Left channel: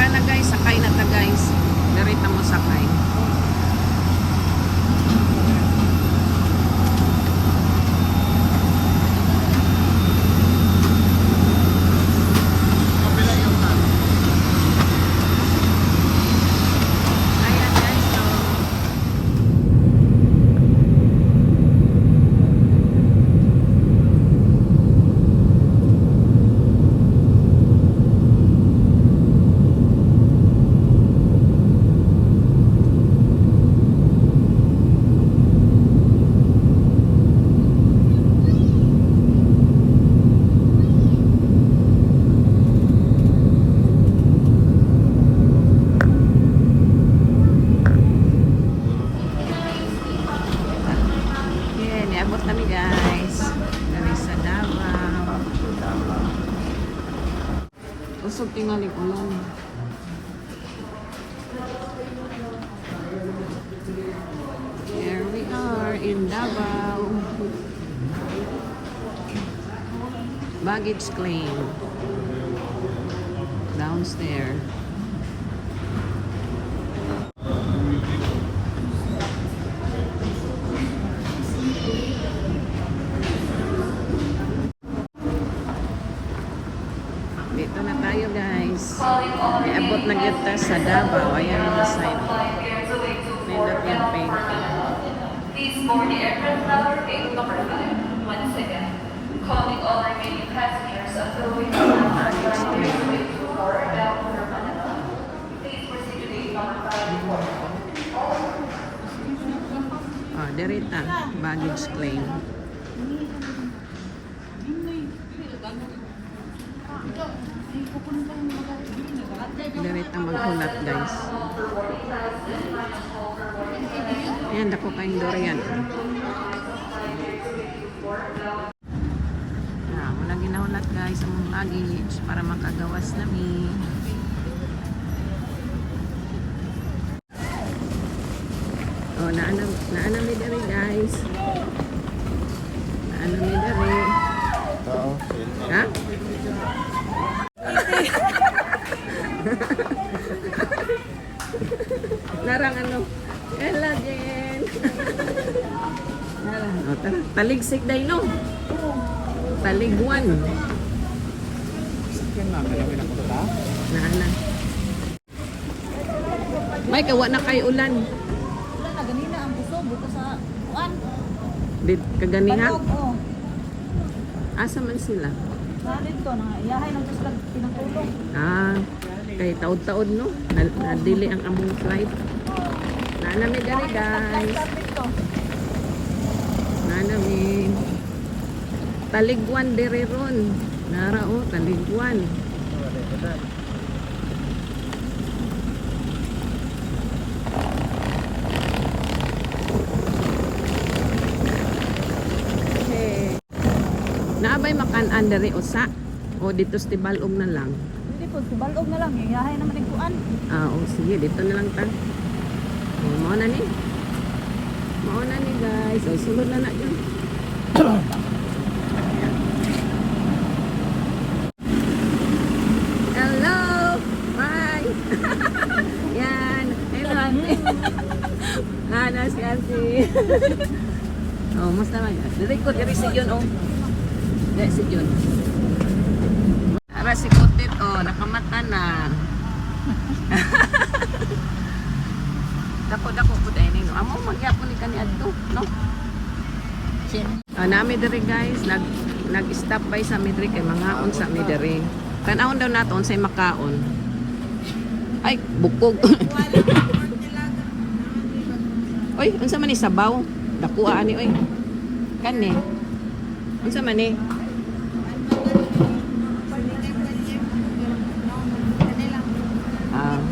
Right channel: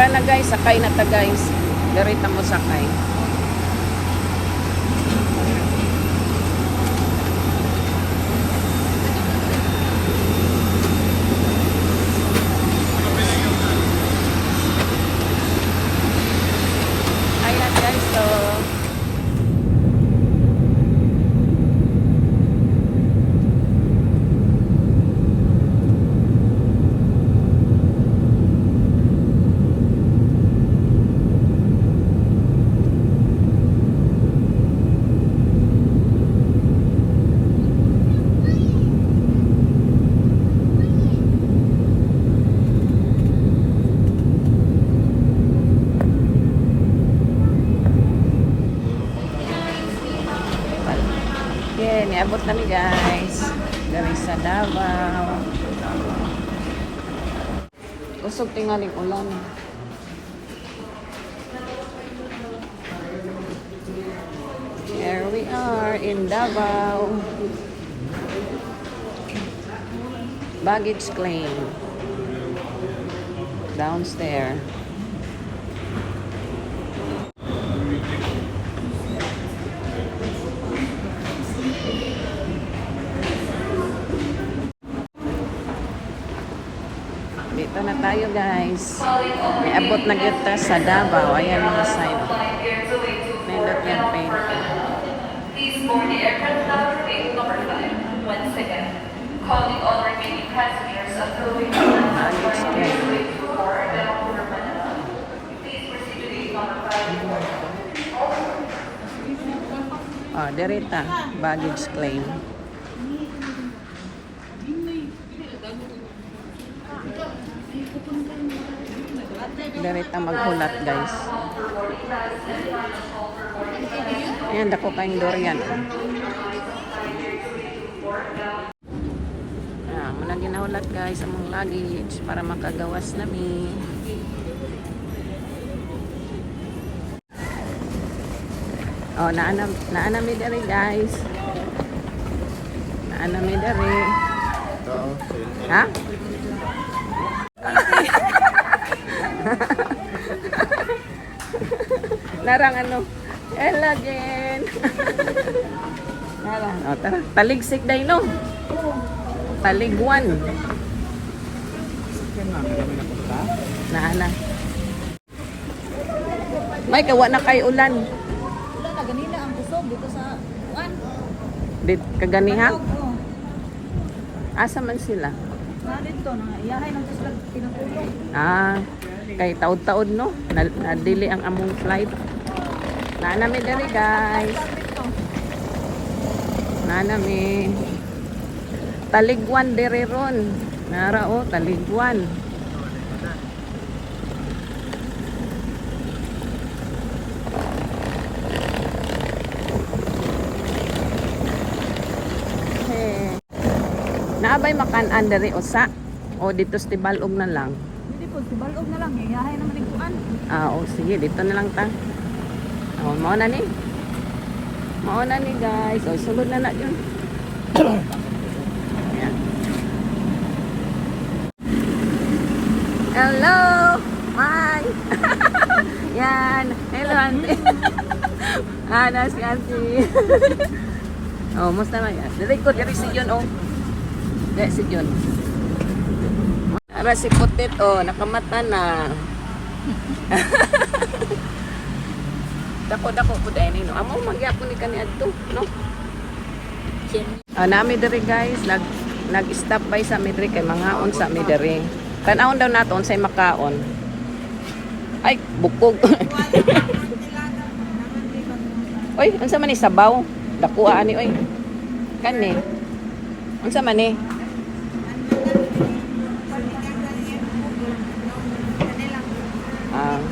Tara na guys, sakay na ta guys. Direta mo sakay. Ayan guys, so niabot na ni guys dari sa Davao. Usog tingali ulan. Here we are in Davao. Baggage claim downstairs. Dito na tayo guys. May abot na kita sa Davao. Ayan yung sign. May lakyan paint. Please board the aircraft number gate number 5. Once again, calling all remaining passengers on the way to Baggage claim. Please proceed to gate number 5. Oh, derita. Baggage claim. Derita maghulat guys. Ayan, dako kayong durian. Muna ginahulat guys among luggage para makagawas nami. Oh, naanami dari guys. Naanami dari. Ha? Narang ano? Elagen. Narang. Oh, tara. Taligsik day no. Taligwan. Sakyan na, kailangan na punta. Naana. May kawa na kay ulan. Wala na ganina ang busog dito sa kuan. Dit kaganiha. Oo. Asa man sila? Dito na iyahay ng gusto pinangulong. Kay taod-taod no. Nadili ang among flight. Naanami dali guys. Naanami. Taligwan dere ron. Nara o, taligwan. Naabay makan-an dere usa o dito sa Tibalog na lang. Hindi po subalog na lang iyahay naman ang kuan. Sige, dito na lang ta. Mao na ni. Mao na ni guys. Sulod na na yun. Ayan. Hello! Hi! Yan. Hello, Auntie. Na si Auntie. Musta na yan? Dili ko, diri si Jun, Dili si Jun. Ara si Putit, nakamata na. Dako po tayo no. Amo magyapon ni kani adto, no? Nami diri guys, nag-stop by sa midri kay mangaon sa midri. Tan-awon daw naton say makaon. Ay, bukog. Oy, unsa man ni sabaw? Dako ani oy. Kani. Unsa man ni?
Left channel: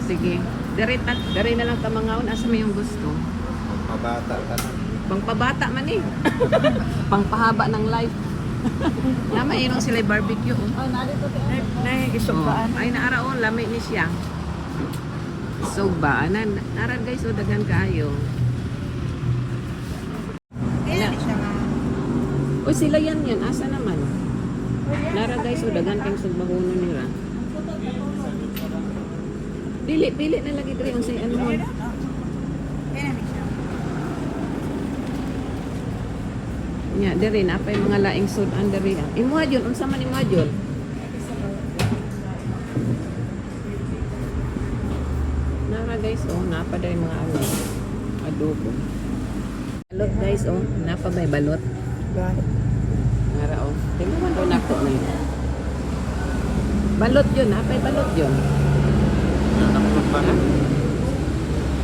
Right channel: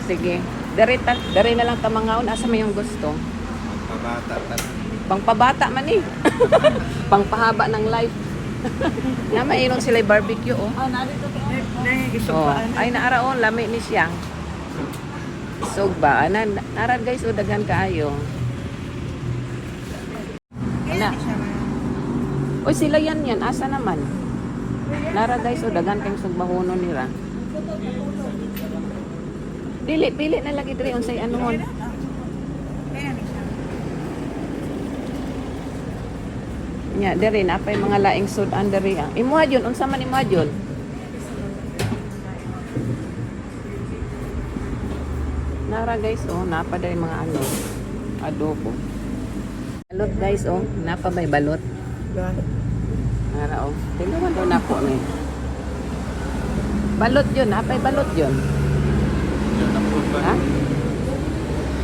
Sige. Dari na lang ta mangaon asa may yung gusto. Pabata. Pangpabata man eh. Pangpahaba ng life. Na mayroon sila barbecue Ay naaraon lami ni siya. Sugba narad guys dagan kaayo. Kaya ni siya ma. Oy sila yan asa naman. Nara guys dagan kayong sugbahono nila. Dili, pili na lagi diri unsay ano mo. Nya diri na pay mga laing sudan diri. Imuha jud unsa man imuha jud? Nara guys, oh, napa diri mga ano. Adobo. Balot guys, oh, napa may balot. Nara oh. Tingnan mo doon ako ni. Balot yun, napay balot yun. Yan ako ba? Ha?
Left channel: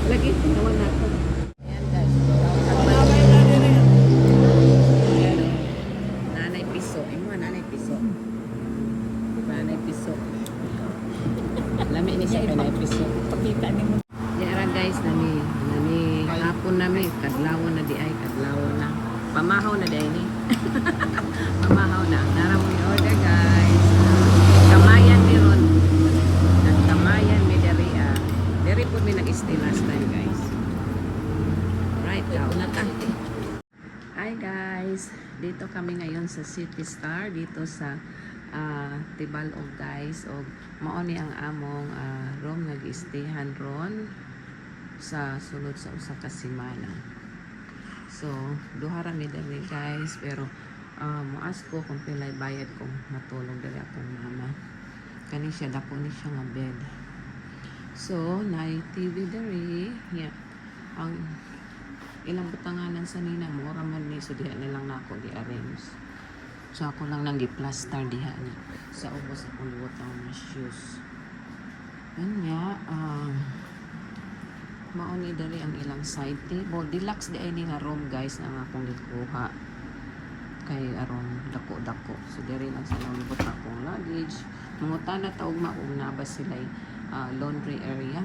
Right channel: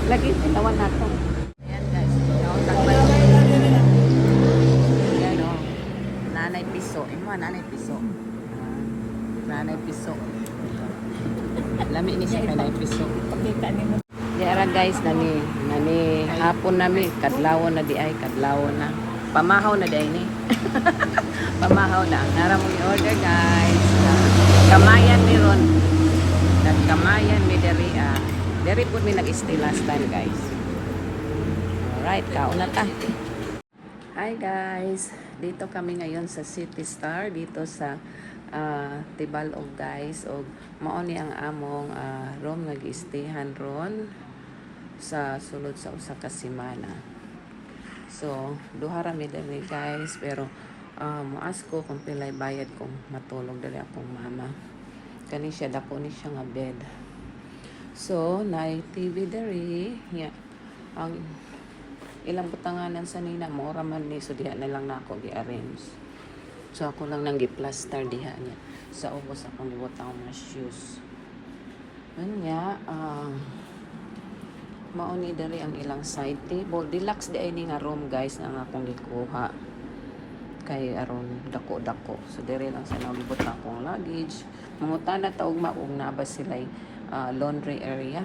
Lagi tinawan ako. Ayan, oh. Nanay piso. Imo nanay piso. Nanay piso. Lami ni siya nanay piso. Pakita ni mo. Yara guys, nani hapon nami kadlawon na di ay kadlawon na. Pamahaw na di ay ni. Pamahaw na. Nara mo i-order guys. Kamayan ni Ron. Kamayan ni Deri. Deri po may nag-stay last time guys. Alright, kauna ta. Hi guys. Dito kami ngayon sa City Star. Dito sa Tibalog guys. O maoni ang among room nag-stayhan ron sa sulod sa usa ka semana. So, duha ra mi diri guys, pero ask ko kung pilay bayad kung matulog dali akong mama. Kani siya dapo ni siya nga bed. So, night TV diri. Yeah. Ang ilang butanganan sa nina mo raman ni so diha na lang nako gi-arrange. So ako lang nang gi-plaster diha niya. Sa ubos ako ni butang mga shoes. Anya, mauni dali ang ilang side table. Deluxe di ay ni nga room guys nga akong gikuha. Kay aron dako-dako. So diri lang sa nambot na akong luggage. Mangutana ta og maong na ba sila laundry area.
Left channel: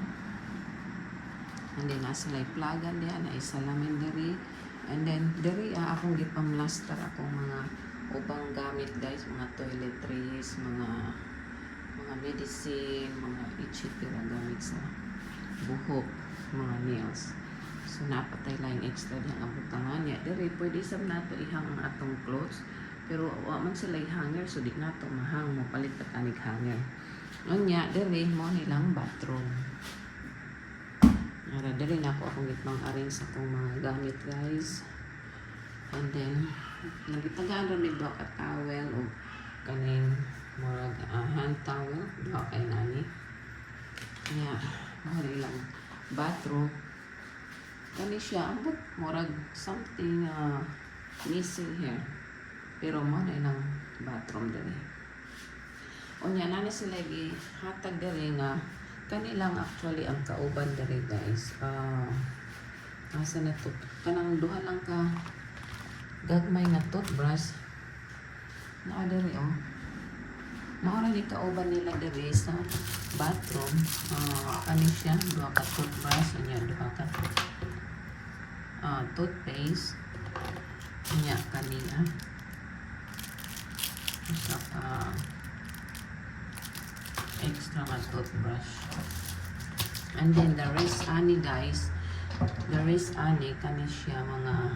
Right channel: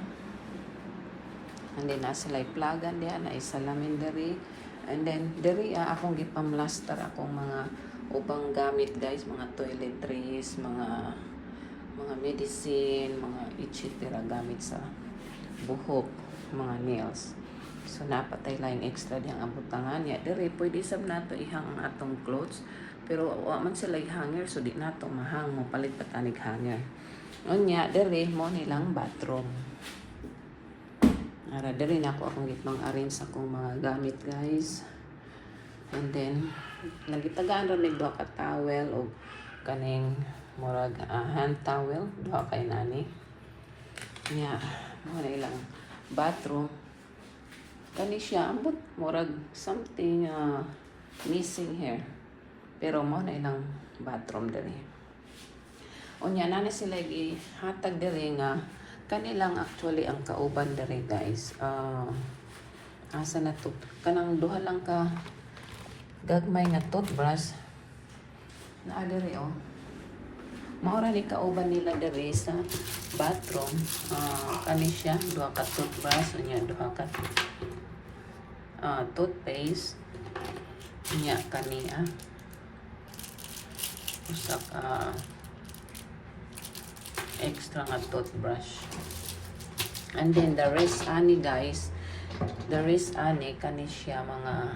And then nasa lay plagan diha na isalamin diri. And then diri akong gipamlaster akong mga ubang gamit guys, mga toiletries, mga medicine, mga etc. gamit sa buhok, mga nails. So napatay lang extra diyang abutangan ya. Diri pwede sab nato ihang ang atong clothes, pero wa man sila hanger so di nato mahang mo palit pa tanig hanger. Unya diri mo nilang bathroom. Ara diri na ako akong gitnang arrange sa akong mga gamit guys. And then nagitagaan ron ni duha ka towel o kaning murag hand towel duha kay nani. Nya mo na ilang bathroom. Kani siya ambot murag something missing here. Pero mo na ilang bathroom diri. Unya na sila gi hatag diri nga kanilang actually ang kauban diri guys. Asa na to? Kanang duha lang ka gagmay nga toothbrush. Naa diri oh. Maura ni kauban nila diri sa bathroom. Kani siya duha ka toothbrush unya duha ka toothpaste. Unya kani usa ka extra nga toothbrush. And then the rest ani guys, the rest ani kani siya mga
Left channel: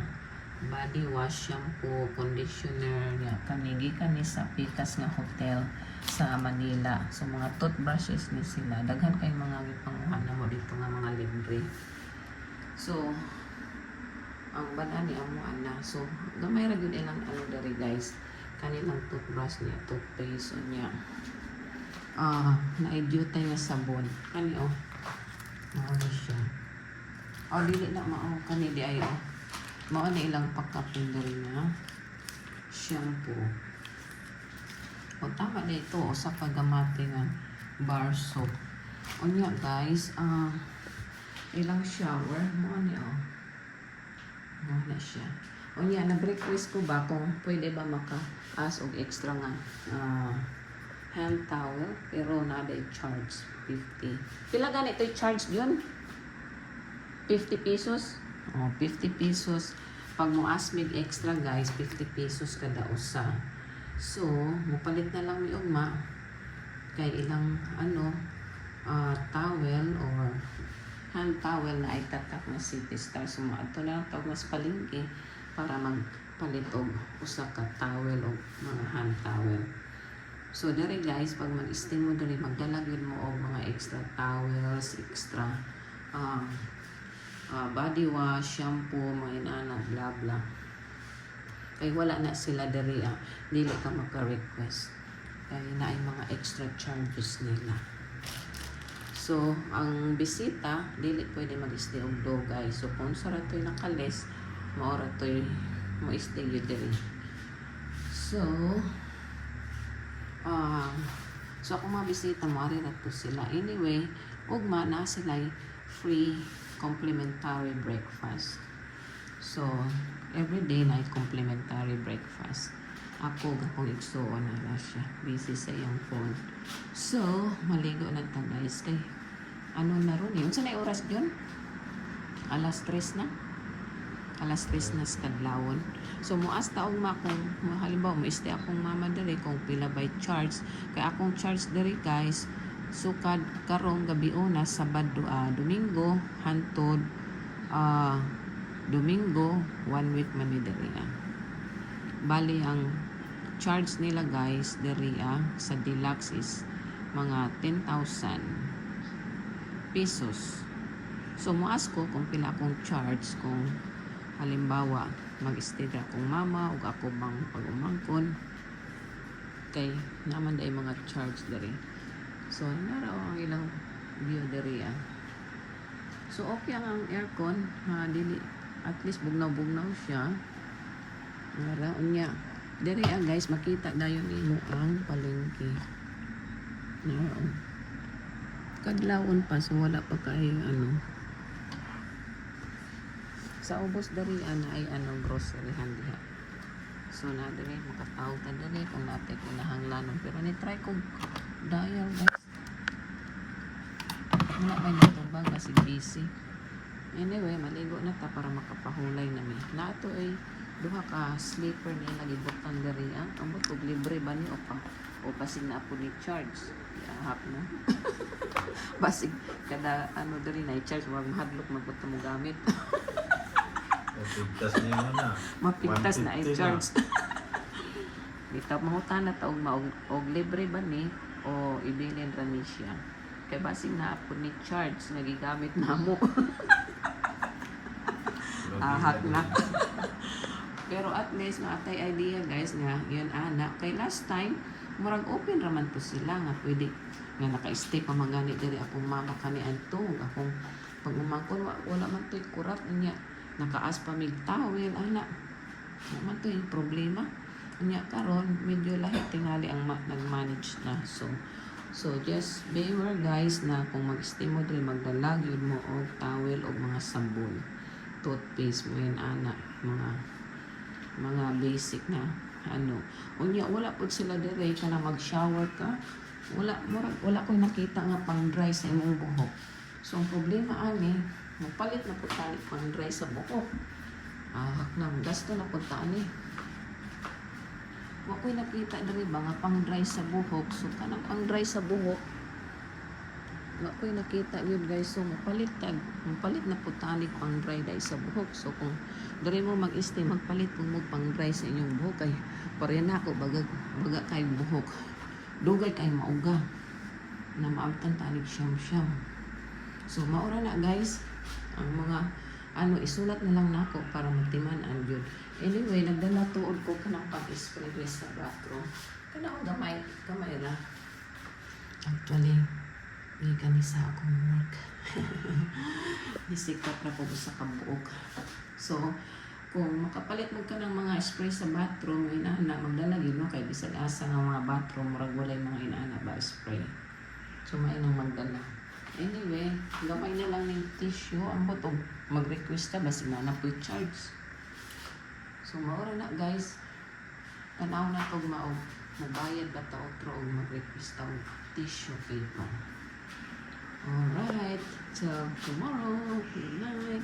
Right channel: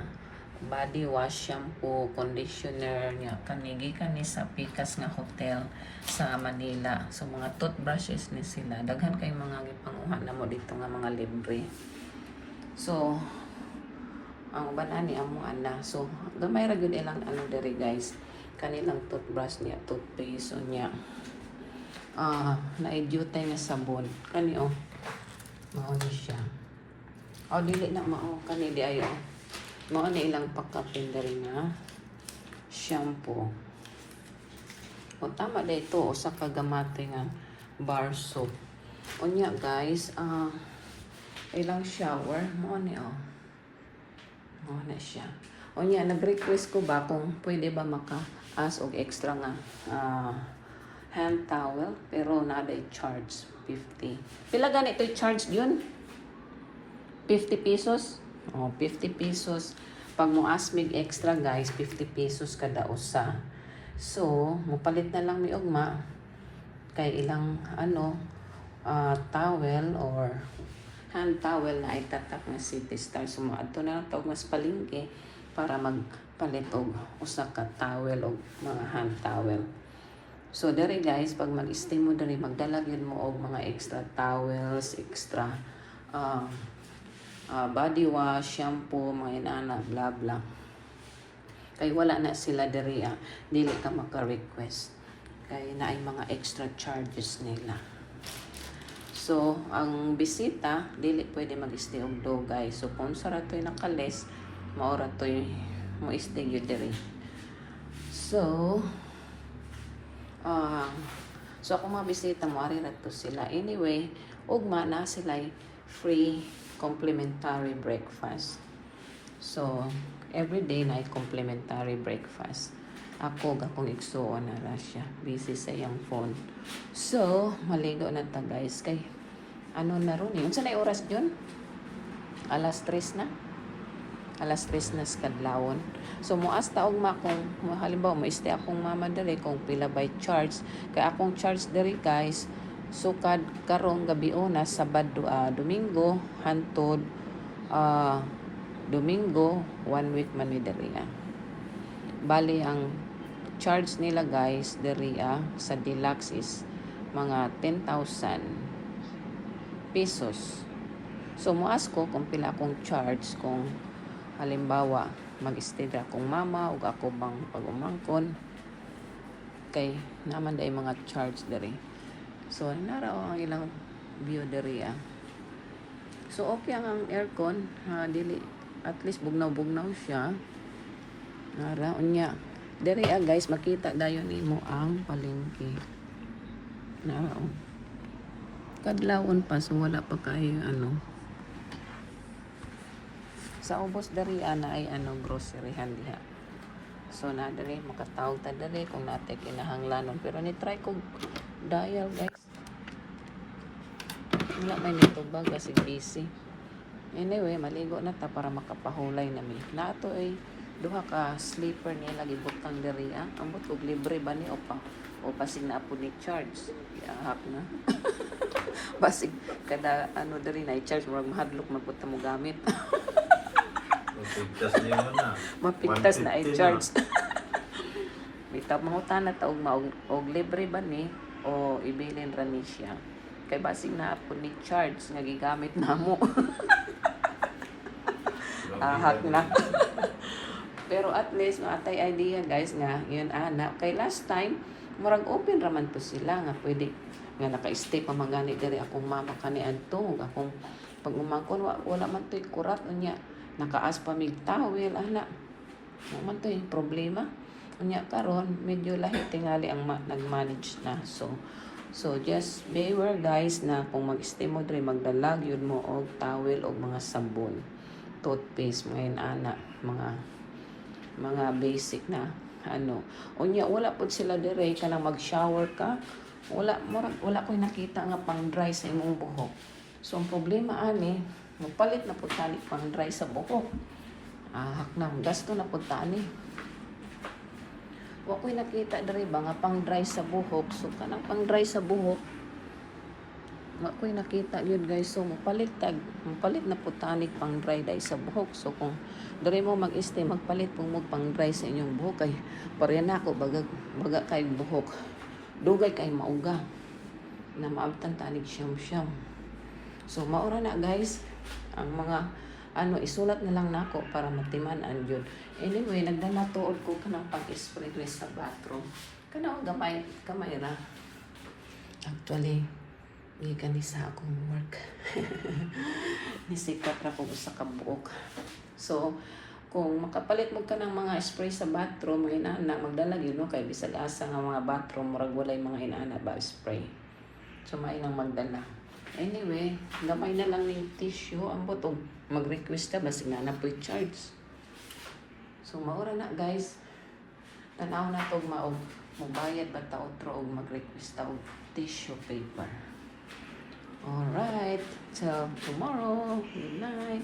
body wash, shampoo, conditioner niya kanigi kani sa Pikas nga hotel sa Manila. So mga toothbrushes ni sila daghan kay mga gipanguha na mo dito nga mga libre. So ang banani amo ana. So gamay ra gyud ilang ano diri guys. Kanilang toothbrush niya, toothpaste niya. Na-edute nga sabon. Kani oh. Mao ni siya. Dili na mao kani di ayo. Mao na ilang pakapin diri nga shampoo. O tama da ito usa ka gamate nga bar soap. Unya guys, ilang shower mao ni oh. Mao na siya. Unya nag-request ko ba kung pwede ba maka-as og extra nga hand towel, pero nada i-charge 50. Pila ganito i-charge yun? 50 pesos? 50 pesos. Pag mo asmig extra guys, 50 pesos kada usa. So, mupalit na lang mi ugma kay ilang towel or hand towel na itatak na City Star. So, ato na lang tawag mas palingke para magpalit og usa ka towel o mga hand towel. So dere guys, pag mag-stay mo dere, magdala gyud mo og mga extra towels, extra body wash, shampoo, mga inana, bla bla. Kay wala na sila dere, dili ka maka-request. Kay naay mga extra charges nila. So, ang bisita, dili pwede mag-stay og dugay. So, kung sa rato'y nakales, maura to'y mo-stay yun diri. So, so kung mga bisita mo, ari rato sila. Anyway, ugma na sila free complimentary breakfast. So, everyday na complimentary breakfast. Ako, gakong igsuon na ra siya. Busy sa iyang phone. So, maligo na ta guys. Kay, ano na ron eh. Unsa na yung oras dyan? Alas 3 na. Alas 3 na sa kadlawon. So, muas taog ma kung halimbawa, mo-stay akong mama dali kung pila by charge. Kaya akong charge dali guys. Sukad karong gabi una, Sabado, Domingo, hantod, Domingo, 1 week man ni dali Bali, ang charge nila guys, dali sa deluxe is mga 10,000 pesos. So, muas ko kung pila akong charge kung halimbawa, mag-stay na akong mama o ako bang pag-umangkon. Kay, naman dahil mga charge dali. So, naraw ang ilang view dali So, okay ang aircon. Dili, at least bugnaw-bugnaw siya. Nara, unya. Dere guys, makita dayon nimo ang palengke. Nara. Kadlawon pa, so wala pa kayo Sa ubos dere na ay groceryhan diha. So na dere makatawag ta dere kung natin kinahanglanon. Pero ni try ko dial guys. Wala may nitubag kasi busy. Anyway, maligo na ta para makapahulay na mi. Nato ay duha ka sleeper nila gibutang diri ang butog libre ba ni opa o pasig na po ni charge ihak na basig kada diri na i-charge murag mahadlok magbuta mo gamit mapigtas na i-charge bitap mahutan na taog og libre ba ni o ibilin ra ni siya kay basig na po ni charge nga gigamit namo ahak na. Pero at least, no, atay idea guys nga, yun kay last time, murag open raman to sila nga pwede nga naka-stay pa magani diri akong mama kani adto akong pag umangkon wala man to'y kurat niya nakaas pa mig towel wala man to'y problema niya karon medyo lahi tingali ang nag-manage na so just beware guys na kung mag-stay mo diri magdalag yun mo og towel og mga sabon toothpaste mga basic na unya wala pud sila dire kanang mag-shower ka wala ko'y nakita nga pang dry sa imong buhok so ang problema magpalit na pud tani pang dry sa buhok haknang gasto na pud tani wa ko'y nakita dire ba nga pang dry sa buhok so kanang pang dry sa buhok wa ko'y nakita yun guys so mapalit na pud tani pang dry dai sa buhok so kung diri mo mag-stay magpalit mo pang dry sa inyong buhok kay pareha na ako baga kay buhok dugay kay mauga na maabtan tanig siyam so maura na guys ang mga isulat na lang nako para matiman-an jud anyway nagdala tuod ko kanang pag-spray sa bathroom kana kamay ra actually kani sa akong work nisikat na ko sa kabuok so kung makapalit mo ka ng mga spray sa bathroom inana magdala yun no kay bisag asa nga mga bathroom murag walay mga inana ba spray so mainang magdala anyway gamay na lang ng tissue ang butog mag-request ka basi na po charge so maura na guys tanaw na tog magbayad ba ta otro og mag-request ta og tissue paper. Alright, till tomorrow. Good night.